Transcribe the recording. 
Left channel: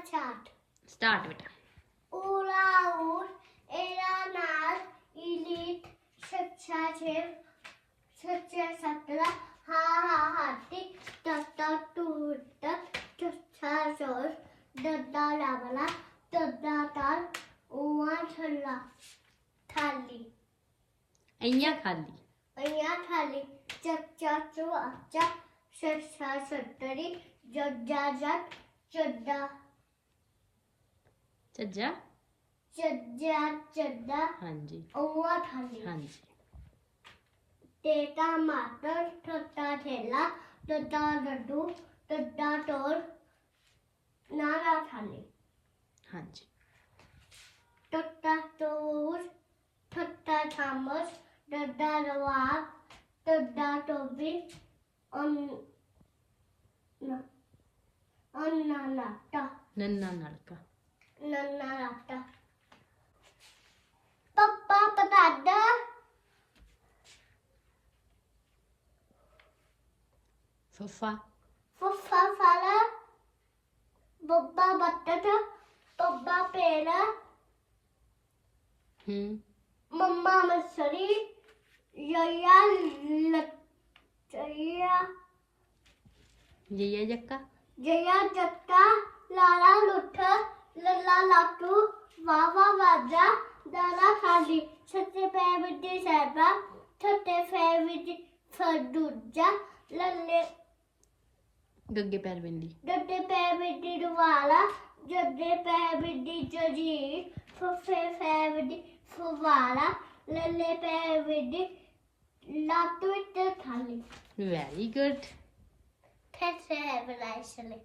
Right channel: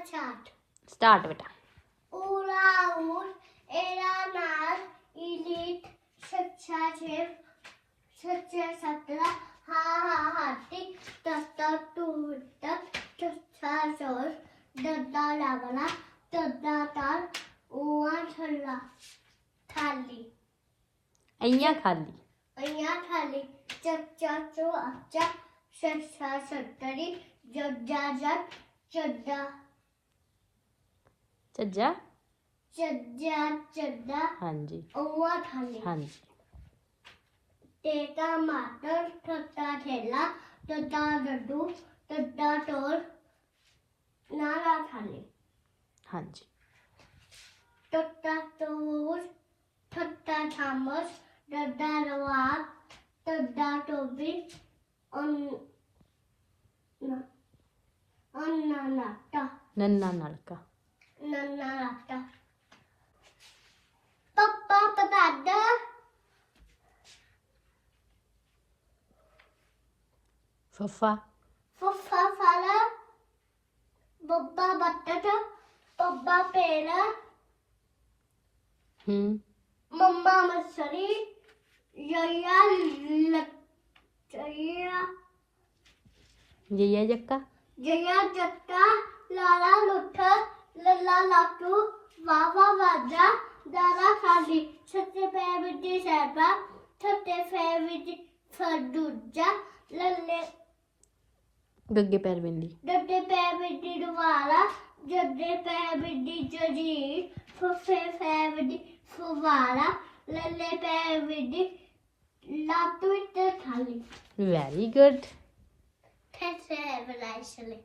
Start बेटा। उड़ाउन एरानार सच्चा सच्चा हा हा सच्चा ज़ोर दद्दा दद्दा छल्ला थाली। अय्या खाली खाली चच्चा चो सच्चा सत्तरी जग ਚੱਜਾ ਚੱਜਾ ਚੱਦਾ ਹਾਂਜੀ ਉਹ ਥਾਲੀ ਹਾਂਜੀ ਤੇਤਾ ਮਾਤਰ ਥੱਤਾ ਥੇਲਾ ਤੱਤਾ ਡੱਡੂ ਤੱਤਾ ਟੋਰ ਨਾਰਾ ਥਾਲੀ ਹਾਂਜੀ ਤੱਤਾ ਟੋਰ ਥੱਤਾ ਥਾਮਸ ਡੱਡਾ ਰਵਾਬ ਤੱਦਾ ਟੋਬੀ ਅਨ ਅਨ ਨਾਲਕਾ ਨੰਨਾ ਨਾਲਕਾ nonna lappa. Pappa patadda. Foffa. Foffa fala. Bobba battata. Bobba pela. Hmm. Mamma masali. Yaya lattaya. Jaya jakka. Jaya jakka. Lala lutta. ਲੱਲਾ ਲਾਟੂ ਵਾਵਾ ਵਾਜਾ ਦਾਦਾ ਖਾਲੀ ਛੱਤੇ ਪੈ ਵਿੱਚ ਸੈਬਾ ਛੱਤੇ ਪੈ ਵਿੱਚ ਫੜੂਜਾ ਲੱਲੇ ਗੱਗੇ ਪੈਰ ਬਿੰਦੀ। ਡੱਡੇ ਪੈ ਵਿੱਚ ਰਵਾਲਾ ਜੱਡੇ ਪੈ ਵਿੱਚ ਜਜੀ ਫੁੱਫੇ ਪੈ ਵਿੱਚ ਫੁਵਾਲਾ ਲੱਲੇ ਪੈ ਵਿੱਚ ਲਾਟੂ ਤੇ ਖਾਲੀ ਵੈਰੀ ਗੁੱਡ ਤੇ ਸੈਬਲਾ ਇਸਲੇ